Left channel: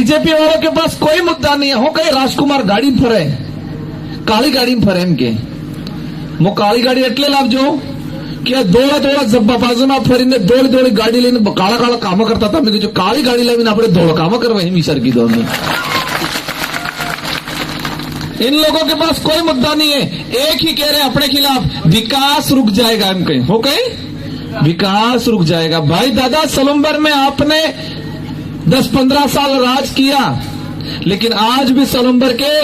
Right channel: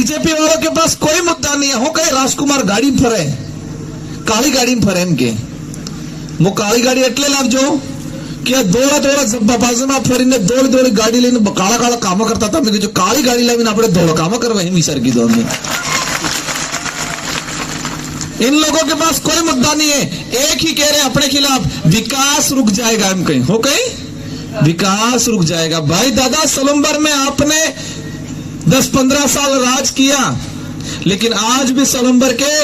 BJP वालों के पास कोई मुद्दा नहीं है। हो कहीं राजकुमार गाड़ी में फरे, काली गाड़ी में फरे एम के वो काली गाड़ी એટલે લાવજો કે દોડા બાજુમાં ફરીને દોડી ગાડી લઈને કાળા કાળા કામો કરતા હતા। મેં કીધું કાળી ગાડી લાવીને આપણે દોડો કામો કરવા એમ સર કીધું અમને। इन लोगों के पास कोई मुद्दा नहीं है, एक ही कह रहे अपने खिलाफ विकास रुक जाएगा। हम कहीं हो कहीं विकास रुक जाएगा। भाई दादा सलुम्बर में आपने 10-15 साल राज किया, लेकिन आज भी सलुम्बर के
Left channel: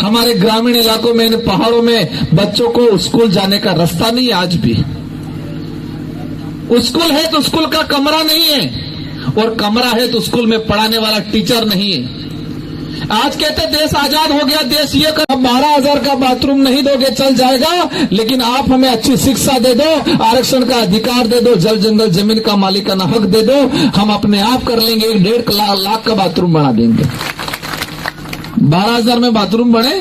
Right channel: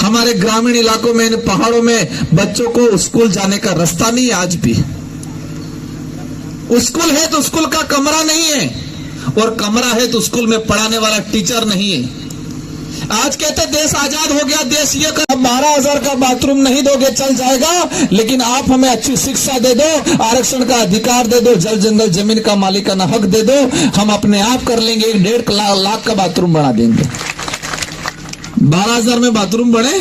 हमारे ग्रामीण इलाकों में, इन पहाड़ों में बच्चों को स्कूल जाने का रास्ता नहीं है। आज भी स्कूल है तो स्कूल का कमरा नहीं है, और कमरा है तो स्कूल में पढ़ाने वाला टीचर नहीं है। आज कहते देश आजाद हो गया, देश ये कर 12,000 का बाथरूम नहीं दोगे चल जाएगा, लेकिन आप हमें अच्छी शिक्षा दे दो, आरक्षण का अधिकार दे दो, जल जंगल जमीन का मालिकाना हक दे दो, हम अपने आप कर लेंगे। 1.5 लाख का बाथरूम बना देंगे। 12,000 में बाथरूम बने,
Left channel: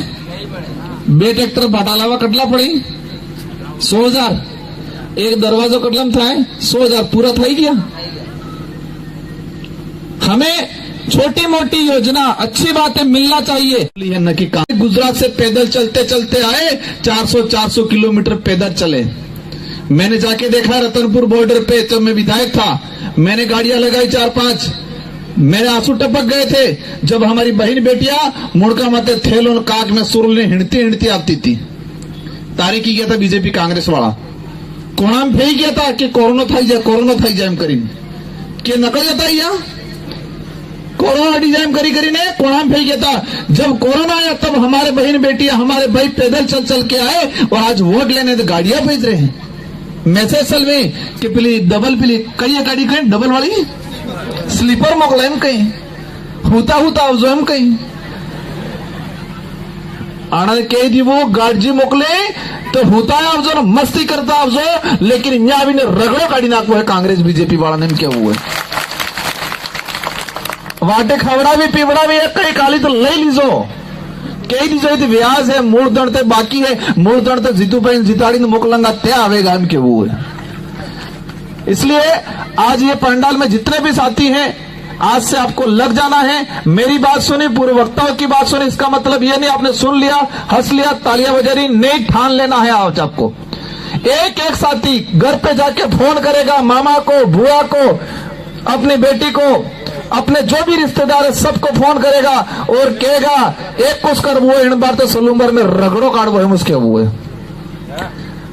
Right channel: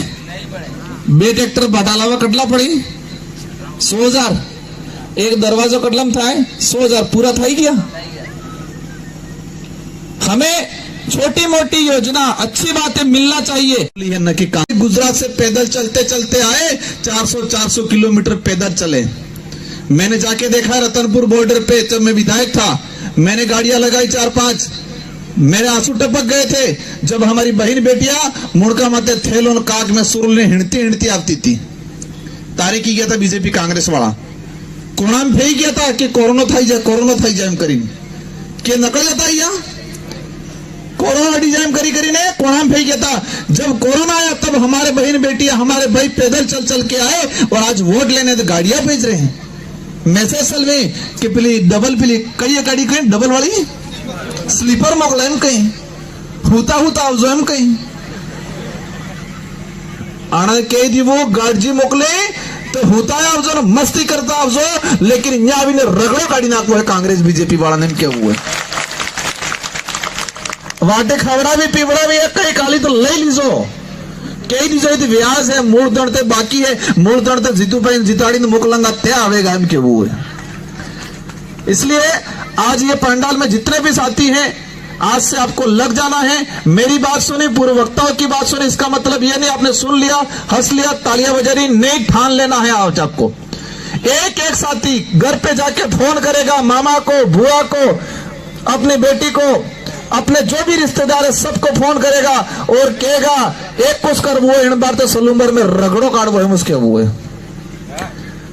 2 ट्रैक्टर बटालावा कटला पड़ी 100,000, एक दरवाजो कटलम था 100,000 पूरा था ही गया। हमें छोटी मोटी योजना अच्छी बातें मिलना चाहिए न कि गुजरात से पैदल चलते चलते आए, 400 किलोमीटर पैदल चले। मैंने जाके देखा रतनपुर बॉर्डर पे, जब मैं विधायक था मैंने गाड़ियां लगाई 4-5, मेरे आंसू टपक गए थे जब हमारी बहन बेटियां मुड़का मत थेलों काग में सुरुल ने हिंडती आती थी। तारीख की गया था बीजेपी कांग्रेस वाला कोणाम फेंक गया था कि कोरोना थाई जाए एम करीने के नकल जाता यहाँ कोरोना डिजाइन करी ने कोणाम फेंक गया था। जब कोरोना आया तब हमारे बहन बेटियां, हमारे भाई पैदल चल के आए, और आज वोट लेने तो गाड़ियां भेज रहे हैं। मैसेज सल में कि पिली डबल पिली कई गाड़ी कहीं डबल वाली स्लीपर मोकलाइन कहीं हुता अवजोम कहीं आना कह दी वो गाड़ी मोकले तो होता है अवजो मस्ती करता अवजो, लेकिन यहाँ भी ने रगड़ो गाड़ी नाको है कांग्रेस बीजेपी वाला ने क्या हुआ है। वाटे खवड़ा भी पीवड़ा भी है, कई काली तो ले लीजो, कई लीजो थी व्याज है, मूल दड़ते बाकी है, मूल दड़ते जीतू भाई जिताड़ी मोकलंगा त्या आवेगा इनके वो है। इसलिए आज ये पंडाल में जितने भी साथी हैं, आज से आपको लग जाना है। मेरी बात सुनी, पूर्व वक्ताओं की बात सुनी, इसका मतलब ये नहीं आपने सुन लिया, हंस लिया, तालियां बजारी नहीं, ठान लेना है। आज आपको एक एक साथी घर पे जाके फोन करेगा, मामा को, बुआ को, अपनी बेटी को, अपने जो भी रिश्तेदार है सबको फोन करेगा और कहेगा एक कुछ कर वो इन बार तो सलूम्बर में रगड़ो काट वो उसके हुए।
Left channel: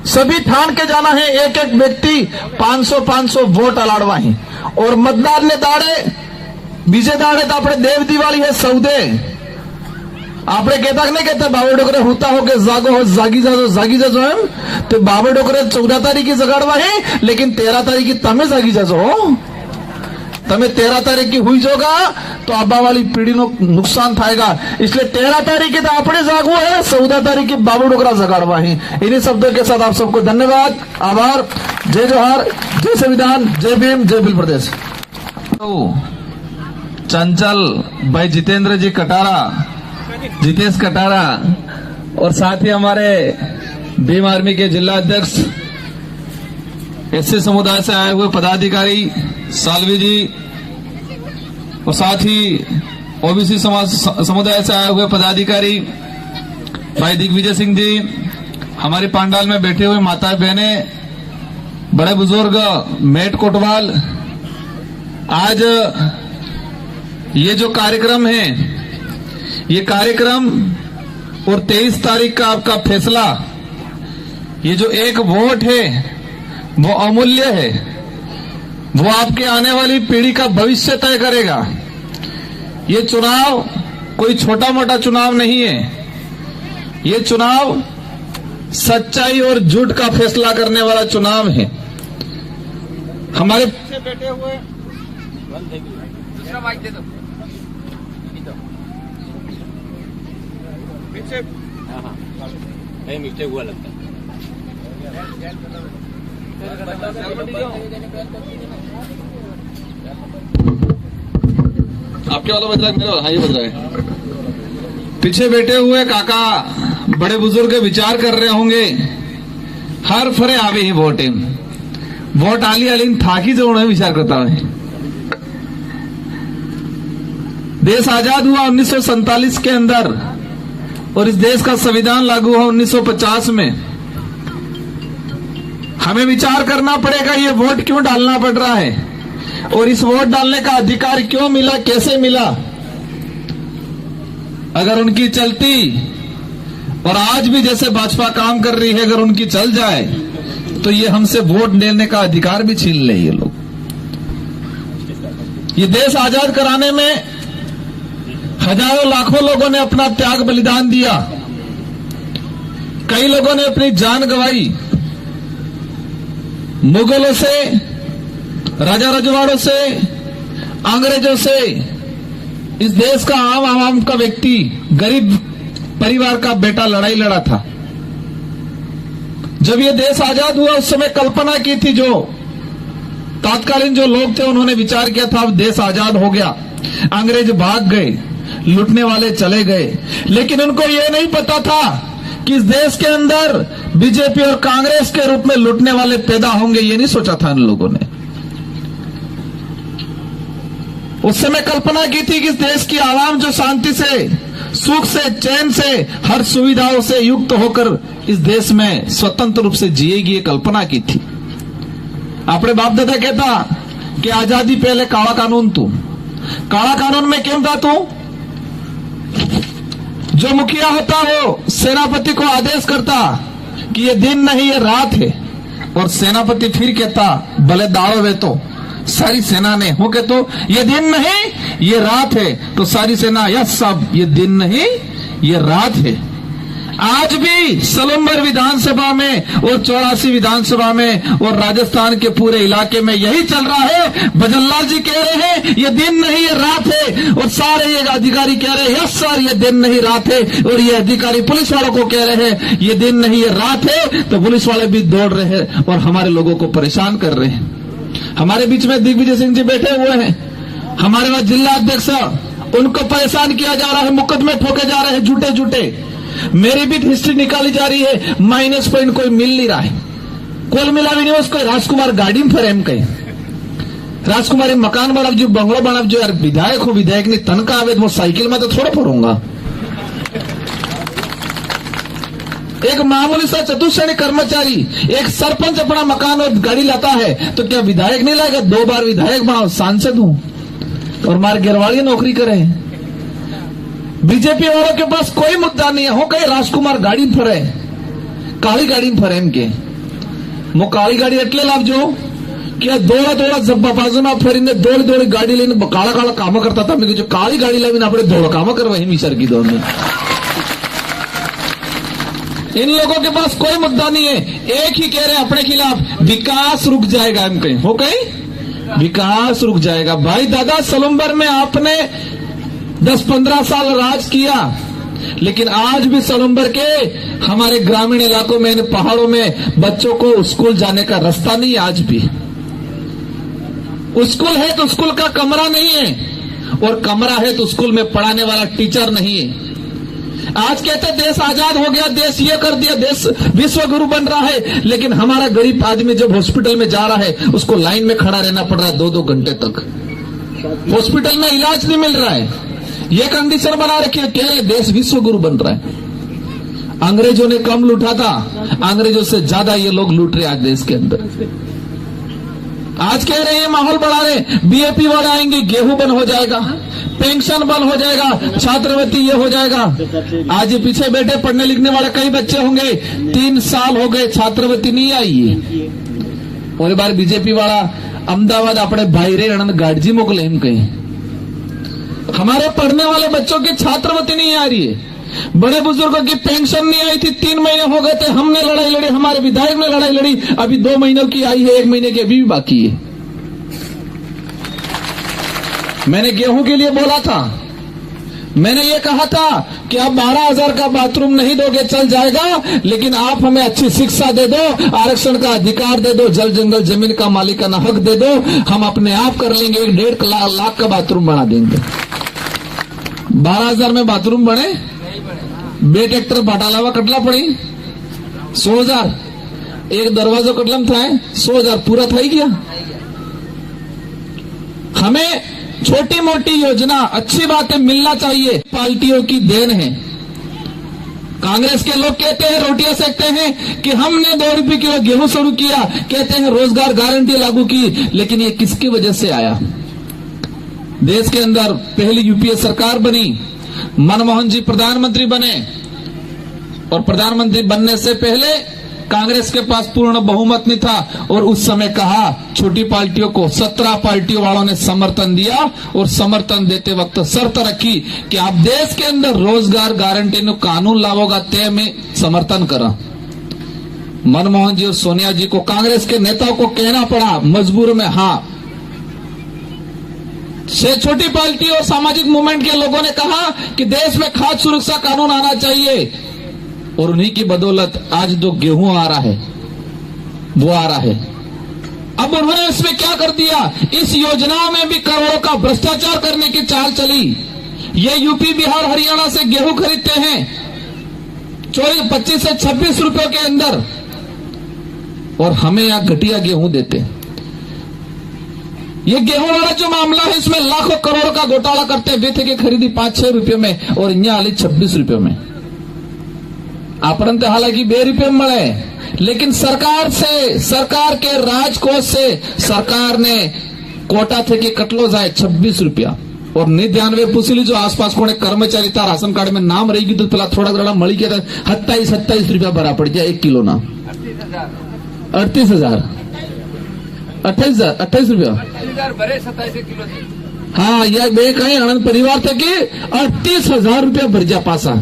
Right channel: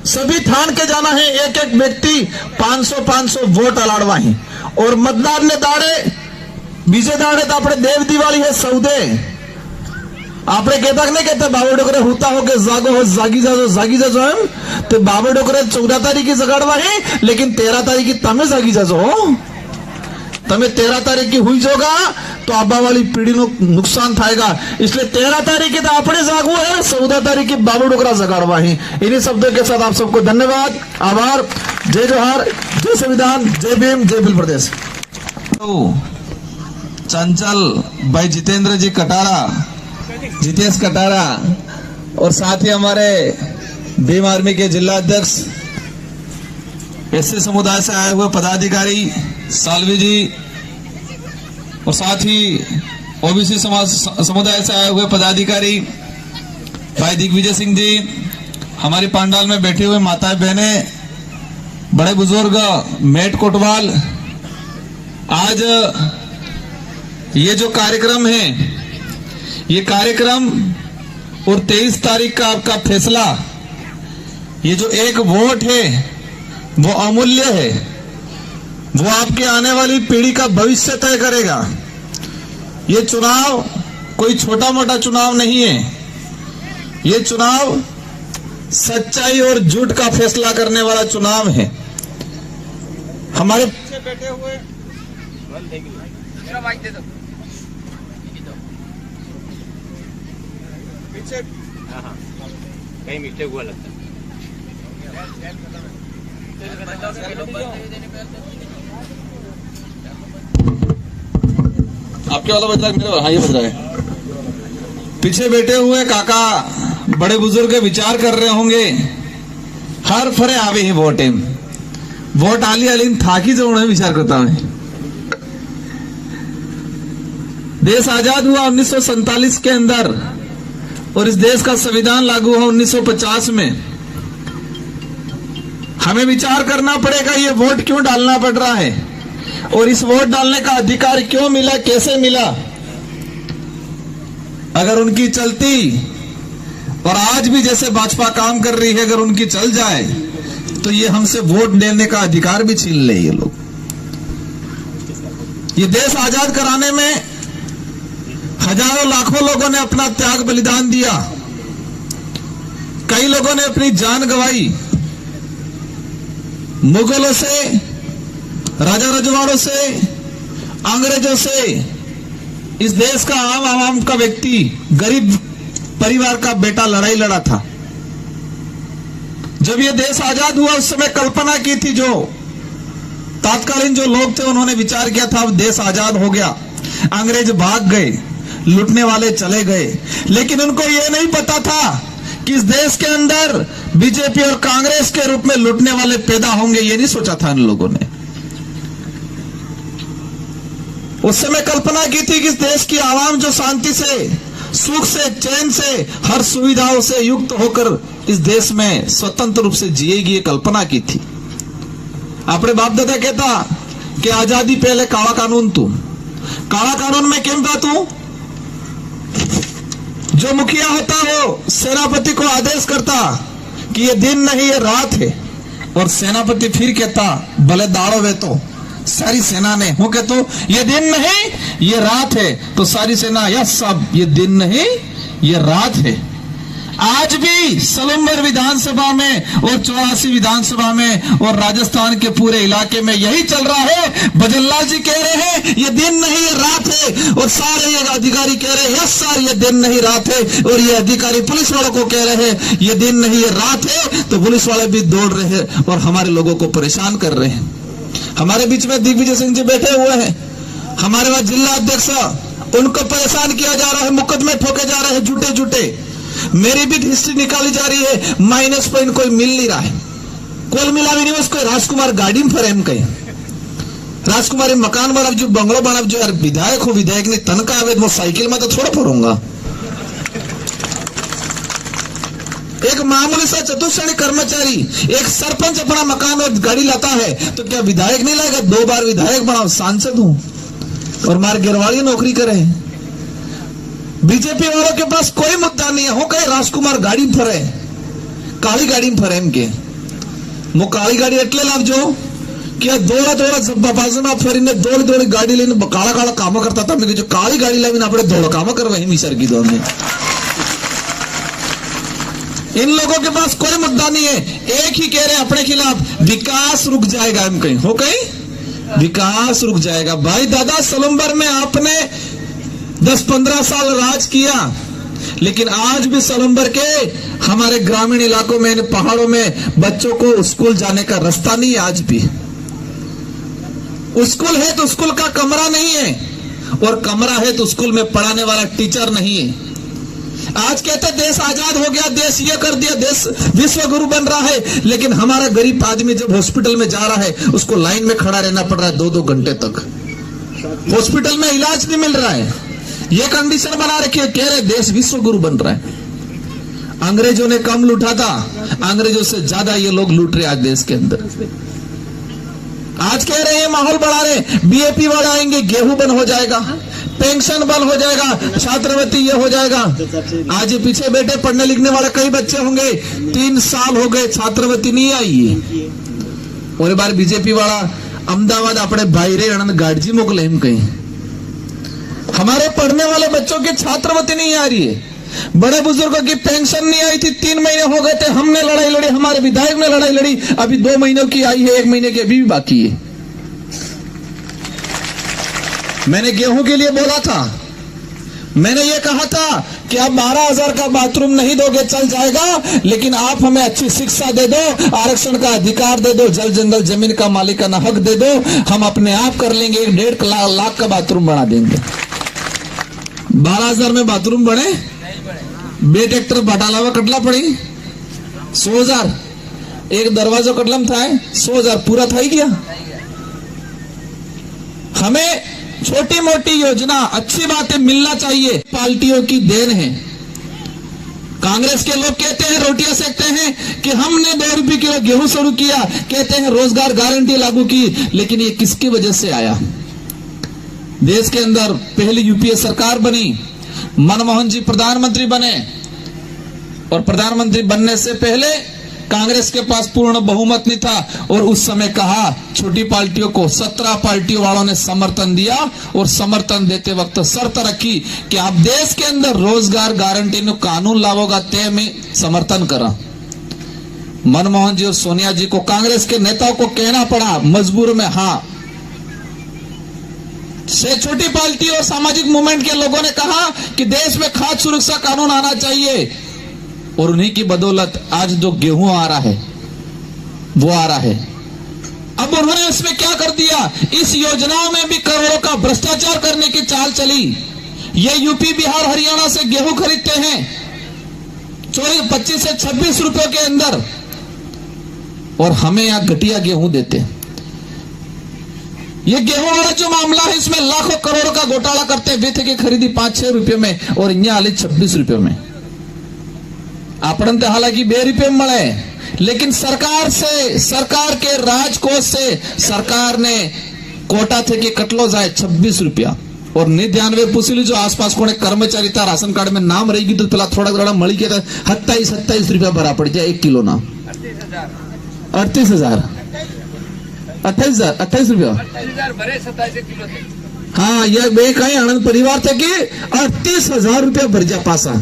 सभी थान के जाना है, एक एक व्यक्ति 500 वोट अलाड़वा है, और मतदार ने दाड़े बीजे दाड़े तो अपने देव दिवाली है सौदे आपने कहता नहीं कहता बाबा डोकरा होता हो के जागो हो जागी जाजो हम तो बाबा डोकरा 14 तारीख की जगाड़वा है, लेकिन 13 तारीख की तमें जागी जाजो हो। तमें 13 तारीख की हुई जोगा तो आबा वाली पीढ़ी नो नुकसान थाएगा, इसलिए 13 तारीख की तो अपने जागो है, 14 तारीख की बाबू डोकरा जगाड़वा ही। इन्हीं शब्दों के साथ आप सबको धन्यवाद, आभार, जय जोहार, जय संविधान, जय भीम, जय भील प्रदेश। चंचल भाई जितेंद्र जी कटारा, जितेश कटारा, और साथ ही हमारे भीम आर्मी के जिला अध्यक्ष एससी समुदाय से आए हुए पदाधिकारी सालवी जी, और साथ ही ओबीसी समुदाय से आए हुए पदाधिकारी भाई दिग्विजय सिंह जी, हमारे पंडाल में बैठे हुए माता बहने, बड़े बुजुर्ग, मेट कोटवाल। आज ये जो कार्यक्रम है, ये कार्यक्रम और 23 तारीख का आपका फैसला, ये जो एक वोट है वो अमूल्य है, वो आपके आने वाली पीढ़ी का भविष्य तय करेगा। ये चुनाव कोई छोटा मोटा चुनाव नहीं है, ये चुनाव सच्चाई और झूठ का फैसला करने वाला चुनाव है। हमारे पीछे बैठे हुए पीछे कहीं मिस्टेक हुआ लगता है। आपके वाला बज रहा है, मेरा हाँ ये बज रहा है। पीछे बैठे हुए काका बड़े बुजुर्ग विचार कर रहे होंगे, हर फरे आवे ही वोट आली आली थाकी जवण विचार करता है। देश आजाद हुआ 1947 के अंदर और इस देश का संविधान लागू हुआ 1950 में। हमें विचार करना पड़ेगा ये वोट क्यों डालना पड़ रहा है और इस वोट डालने का अधिकार क्यों मिला, कैसे मिला। अगर उनकी चलती और आज भी जैसे भाजपा काम कर रही है, अगर उनकी चल जाए तो ये हमसे वोट लेने का अधिकार भी छीन ले ये लोग। ये देश आजाद कराने में हजारों लाखों लोगों ने अपना त्याग बलिदान दिया। कई लोगों ने अपनी जान गंवाई। मुगलों से, राजा रजवाड़ों से, अंग्रेजों से इस देश का आम का व्यक्ति, गरीब परिवार का बेटा लड़ाई लड़ा था। जब ये देश आजाद हुआ उस समय कल्पना की थी, जो तात्कालीन जो लोग थे उन्होंने विचार किया था अब देश आजाद हो गया, अंग्रेज भाग गए, लूटने वाले चले गए। लेकिन उनको ये नहीं पता था कि इस देश के अंदर बीजेपी और कांग्रेस के रूप में लूटने वाले पैदा होंगे। ये नहीं सोचा था इन लोगों ने। उस समय कल्पना की थी कि इस देश की आवाम जो शांति से, सुख से, चैन से, हर सुविधाओं से युक्त होकर इस देश में स्वतंत्र रूप से जिएगी, ये कल्पना की थी। अपने बाप दादा कहता कि आजादी पहले काला कानून तू, काला कानून में क्यों था तू? जो मुखिया होता हो सेनापति को आदेश करता कि ये दिन नहीं ये रात है, और सेनापति फिर कहता भले दाड़ो वे तो सारी सेना ने हो के तो ये दिन नहीं ये रात है, तो सारी सेना यस सब ये दिन नहीं ये रात है। आज भी सलूमबर विधानसभा में और 84 विधानसभा में और राजस्थान के पूरे इलाके में यही चल रहा है। भजनलाल जी कह रहे हैं ये दिन नहीं ये रात है, और सारे ये अधिकारी कह रहे हैं यस सर ये दिन नहीं रात है, और ये अधिकारी पुलिस वालों को कह रहे हैं ये दिन नहीं ये रात है। तो पुलिस वाले भी दौड़ रहे हैं और हमारे लोगों को परेशान कर रहे हैं। हमारे बीच में दिग्विजय सिंह जी बैठे हुए हैं, हमारे पास जिला अध्यक्ष, उनको परेशान किया जा रहा है, मुकदमे ठोके जा रहे हैं झूठे झूठे। मेरी भी हिस्ट्री निकाली जा रही है, माइनस पॉइंट कोई मिल नहीं रहा है, कोई मिला भी नहीं। उसको राजकुमार गाड़ी में फरेम कहीं राजकुमारी मकान बनब जो बंगलो बनब जो यार विधायक हो, विधायक ने तनखा आवे तो साइकिल में तो थोड़ा फरूंगा। एक मामूली सा चतुश्रेणी कर्मचारी, एक सरपंच अपना मकान और गाड़ी लाता है तो क्या विधायक नहीं लाएगा? 2 बार विधायक बना, सांसद हूं और मार गिरवाड़ी नौकरी करें। बीजेपी वालों के पास कोई मुद्दा नहीं है, हो कहे राजकुमार गाड़ी फरे, काली गाड़ी में फरे के मो काली गाड़ी एटले लावजो कि दौड़ा दौड़ा बाजू में फरीने दौड़ी दौड़ी गाड़ी लेने काला काला काम करता था। मैं जो काली गाड़ी लावी अपने दौड़ काम करवा मिसर की दौड़ में। इन लोगों के पास कोई मुद्दा नहीं है, एक ही कह रहे अपने खिलाफ विकास रुक जाएगा। हम कहीं हो कहीं विकास रुक जाएगा। भाई दादा सलूमबर में आपने 10-15 साल राज किया, लेकिन आज भी सलूमबर के हमारे ग्रामीण इलाकों में, पहाड़ों में बच्चों को स्कूल जाने का रास्ता नहीं है। आज भी स्कूल है तो स्कूल का कमरा नहीं है, और कमरा है तो स्कूल में पढ़ाने वाला टीचर नहीं है। आज कहते देश आजाद हो गया, देश ये कर दिया, देश विश्व गुरु बन रहा है, लेकिन हमारा गरीब आदमी जब हॉस्पिटल में जा रहा है उसको लाइन में खड़ा रहना पड़ रहा है 2-2 घंटे तक। हॉस्पिटल में इलाज नहीं मिल रहा है। ये कंडीशन बना रखी है, कह रहे देश विश्व गुरु बन रहा है। अंग्रेजों ने कम लूटा था, अंग्रेजों से ज्यादा ये लोग लूट रहे आज देश के अंदर। आज कह रहे हैं माहौल बढ़ा रहे, बीएपी वाले आएंगे गेहूं बंद हो जाएगा, पेंशन बंद हो जाएगा, छात्रवृत्ति ये हो जाएगा। आज ये पीछे बैठे पढ़ने लिखने वाले कई बच्चे होंगे, 3 साल हो गए छात्रवृत्ति नहीं आई है। और बार बीजेपी वाला अहमदाबाद अपने बाहरे आनंद गाड़जी मोकले हम कहीं। हमारे पढ़ने वाले बच्चों की छात्रवृत्ति नहीं आ रही है, बड़े बुजुर्गों की पेंशन नहीं आई थी, 3 महीने हो गए थे, हमने लड़ाई लड़ी, हमारे विधायक ने लड़ाई लड़ी, अभी 2 महीनों की आई है, 1 महीने की अभी भी बाकी है। मैंने गेहूं के लिए बोला था, मैंने ये कहा था कि आप 12,000 का बाथरूम नहीं दोगे चल जाएगा, लेकिन आप हमें अच्छी शिक्षा दे दो, आरक्षण का अधिकार दे दो, जल जंगल जमीन का मालिकाना हक दे दो, हम अपने आप कर लेंगे, 1.5 लाख का बाथरूम बना देंगे। 12,000 में बाथरूम बने, 2 ट्रैक्टर बटालावा कटला पड़ी, 100,000 एक दरवाजा कटलम था, 100,000 पूरा था ही गया। हमें छोटी मोटी योजना, अच्छी बातें मिलना चाहिए, पार्टियों की देन है। कांग्रेस के लोग कहते हैं, रोटियां सेकते हैं कि हमने 2 रुपए किलो गेहूं शुरू किया, कहते हैं रोजगार गारंटी लागू की, लेकिन ये किसकी वजह से आया? देश के अंदर पहली यूपीए सरकार बनी, मनमोहन जी प्रधानमंत्री बने, और प्रधानमंत्री बनने से पहले कांग्रेस के पास पूर्ण बहुमत नहीं था, और उस समय कहा छोटी पार्टियों को 17 पार्टियों वालों ने समर्थन दिया, और समर्थन देते वक्त शर्त रखी कि आप देश के अंदर रोजगार गारंटी में कानून लाओगा, ते में समर्थन करा। मनमोहन जी और सोनिया जी को, कांग्रेस के नेताओं को कहना पड़ा मजबूर में हाँ। से छोटी पार्टी और सामाजिक मूवमेंट के लोगों ने कहा कि देश में खाद्य सुरक्षा कानून आना चाहिए, और उन्हीं की बदौलत आज जो गेहूं आ रहा है वो आ रहा है। अब उन्होंने उसमें क्या कर दिया? इस योजना में भी करोड़ों का भ्रष्टाचार करने की चाल चली। ये यूपी, बिहार, हरियाणा से गेहूं खरीदते हैं 25 से 26 रुपए के अंदर, और हमें यहां घटिया गेहूं देते हैं। ये गेहूं वाला जो मामला है, इसमें लाखों करोड़ का घोटाला करते हैं। बेथे की खरीदी 5-6 रुपए में, और यहाँ आली 26 रुपए में। आपण तो हालांकि 2 रुपए में मिले, लेकिन सरकार से, सरकार के राजकोष से सरकार ने कोटा थे कि कटलो जाए 26 रुपया। और 99 पूछ लीजो आसपास कोने कर्मचारी था, राशन कार्ड में नाम रहेगी तो पेला थोड़ा घड़ा मળી गया, 27 रुपया भरा पड़ जाए 1 किलो ना। 38,000 28 रुपया। हाँ, यह बे कहीं आनंद परिवार थे कि 38,000 रुपया भर जा पासा।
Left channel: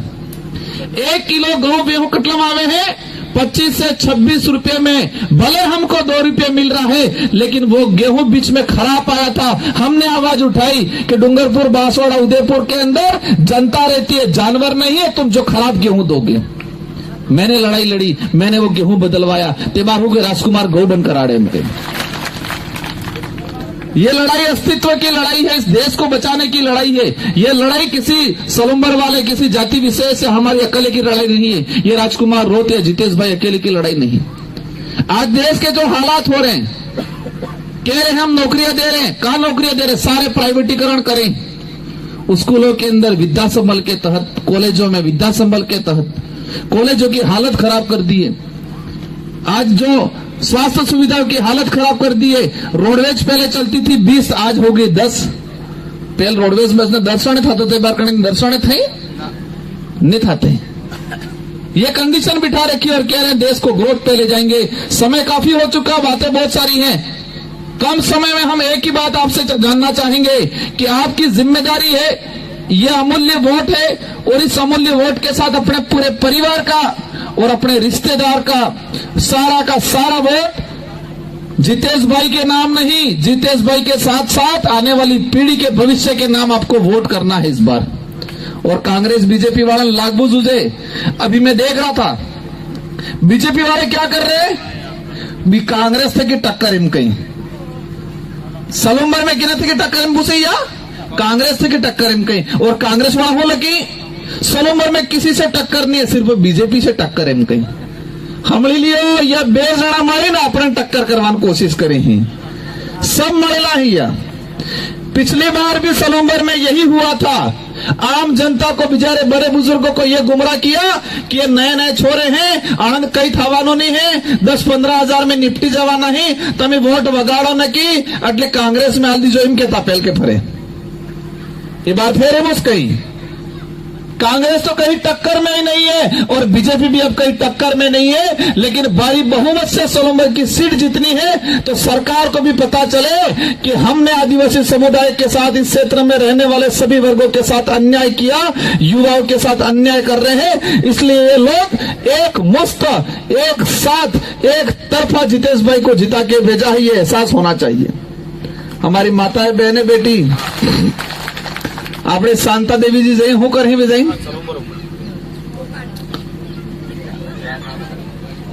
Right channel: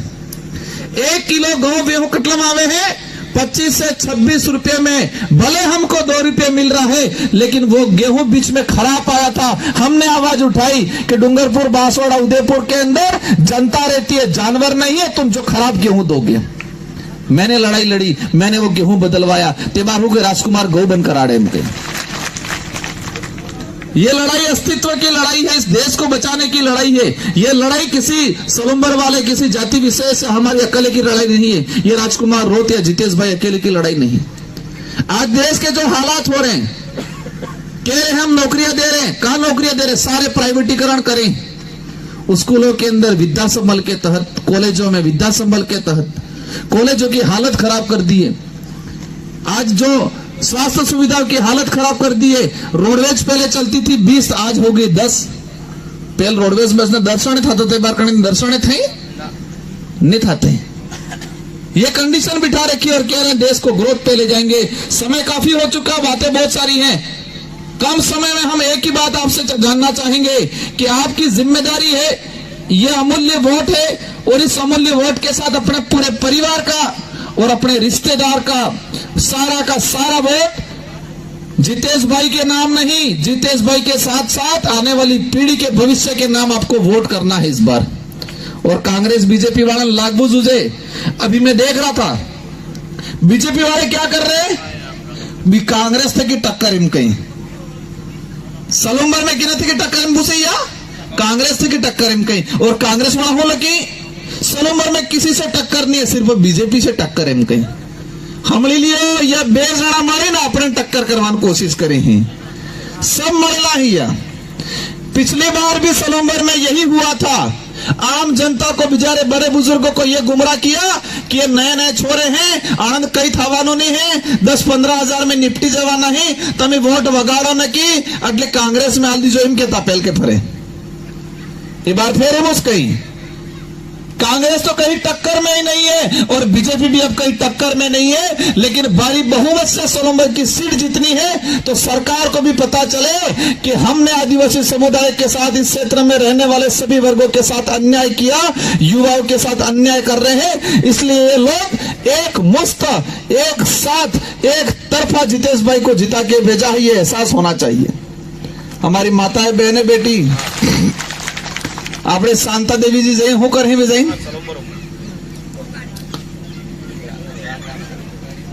1 किलो गेहूं गेहूं कटलम आवे है 25 से 26 रुपए में। भले हमको 2 रुपए मिल रहा है, लेकिन वो गेहूं बीच में खराब आया था। हमने आवाज उठाई कि डूंगरपुर, बांसवाड़ा, उदयपुर के अंदर जनता रहती है, जानवर नहीं है, तुम जो खराब गेहूं दोगे। मैंने लड़ाई लड़ी, मैंने वो गेहूं बदलवाया। तेबारू के राजकुमार गौ बनकर आड़े में। ये लड़ाई अस्तित्व की लड़ाई है, इस देश को बचाने की लड़ाई है। ये लड़ाई किसी सलुम्बर वाले, किसी जाति विशेष से हमारी अकेले की लड़ाई नहीं है। ये राजकुमार रोत या जितेश भाई अकेले की लड़ाई नहीं। आज देश के जो हालात हो रहे हैं, कह रहे हम नौकरियां दे रहे हैं, कहां नौकरियां दे रहे? सारे प्राइवेटीकरण करें। स्कूलों के अंदर विद्या संबल के तहत, कॉलेजों में विद्या संबल के तहत कॉलेजों की हालत खराब कर दी है। आज जो स्वास्थ्य सुविधाओं की हालत खराब कर दी है। रोडवेज पहले चलती थी 20, आज हो गई 10। पहले रोडवेज में दर्शन था तो दर्शन थे नहीं थाते। ये कंडीशन बिठा रखी और कह रहे हैं देश को ग्रोथ पे ले जाएंगे। समय काफी हो चुका, बातें बहुत सारी हैं। कम समय में हम एक ही बात आपसे जानना चाहेंगे कि आपकी जिम्मेदारी है, यह अमूल्य वोट है, और इस अमूल्य वोट के साथ अपने पूरे परिवार का और अपने रिश्तेदार का सारा वोट जितेश भाई के नाम नहीं, जितेश भाई के साथ साथ आने वाली पीढ़ी के भविष्य के नाम आपको वोट करना है इस बार। और कांग्रेस बीजेपी वाले लागू जुझे, अभी मैं देख रहा था बीजेपी वाले क्या कर रहे हैं, भी कांग्रेस थे कि टक्कर इन कहीं सलुम्बर में गिना थे कि टक्कर इन भूसैया, कांग्रेस थे कि टक्कर इन कहीं। और कांग्रेस वहां हो लगी सलुम्बर में किसी से टक्कर नहीं है, सिर्फ बीजेपी से टक्कर है कहीं। हमले लिए यह बेजाना मारे ना अपने टक्कर करवाने कोशिश करे हैं, सब महिला ही है। पिछली बार भी सलुम्बर में यही हुआ था। आम जनता को, बेचारे बड़े बुजुर्गों को यह गुमराह किया कि ये नए नए छोरे हैं, आनंद कई थावानो नहीं है, 10-15 हजार में निपटी जवाना है, तमें वोट वगाड़ो न की अटले कांग्रेस में आल दीजो इनके तापेल के फरे। ये बात फिर है कहीं कांग्रेस तो कहीं टक्कर में ही नहीं है, और बीजेपी भी अब कहीं टक्कर में नहीं है। लेकिन भारी बहुमत से सलुम्बर की सीट जितनी है, तो सरकार को भी पता चले कि हमने आदिवासी समुदाय के साथ, इस क्षेत्र में रहने वाले सभी वर्गों के साथ अन्याय किया, युवाओं के साथ अन्याय कर रहे हैं। इसलिए ये लोग एक मुफ्त, एक साथ, एक तरफा जितेश भाई को जिता के भेजा है, ये एहसास होना चाहिए। हमारी माताएं, बहनें, बेटी, आपने शांता देवी जी जय होकर ही विजयी,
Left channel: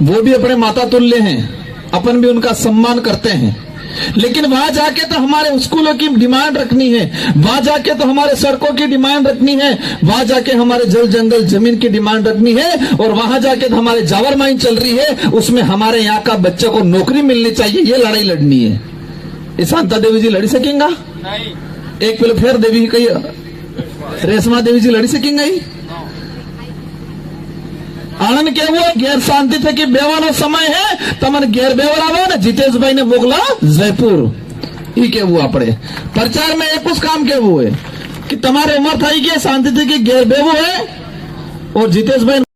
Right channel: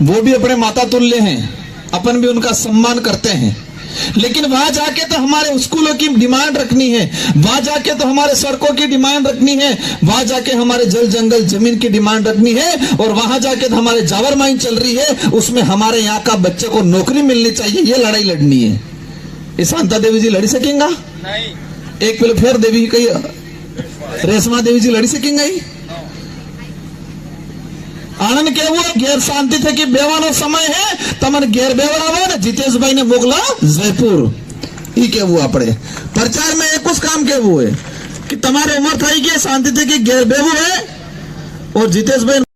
वो भी अपने माता तुल्य हैं, अपन भी उनका सम्मान करते हैं। लेकिन वहां जाके तो हमारे स्कूलों की डिमांड रखनी है, वहां जाके तो हमारे सड़कों की डिमांड रखनी है, वहां जाके हमारे जल जंगल जमीन की डिमांड रखनी है, और वहां जाके तो हमारे जावर माइन चल रही है, उसमें हमारे यहाँ का बच्चे को नौकरी मिलनी चाहिए। ये लड़ाई लड़नी है। ये शांता देवी जी लड़ सकेंगा? એક પેલો ફેર દેવી કઈ રેશમા દેવીજી લડી શકી ગઈ આનંદ કેવું ઘેર શાંતિથી કે બેવાનો સમય હે તમને ઘેર બેવડાવો ને જીતેશભાઈ ને મોકલા જયપુર ઈ કેવું આપણે પ્રચાર में एक काम કેવું है कि તમારે ઉંમર થઈ ગઈ શાંતિથી કે ઘેર બેવું હે और જીતેશભાઈ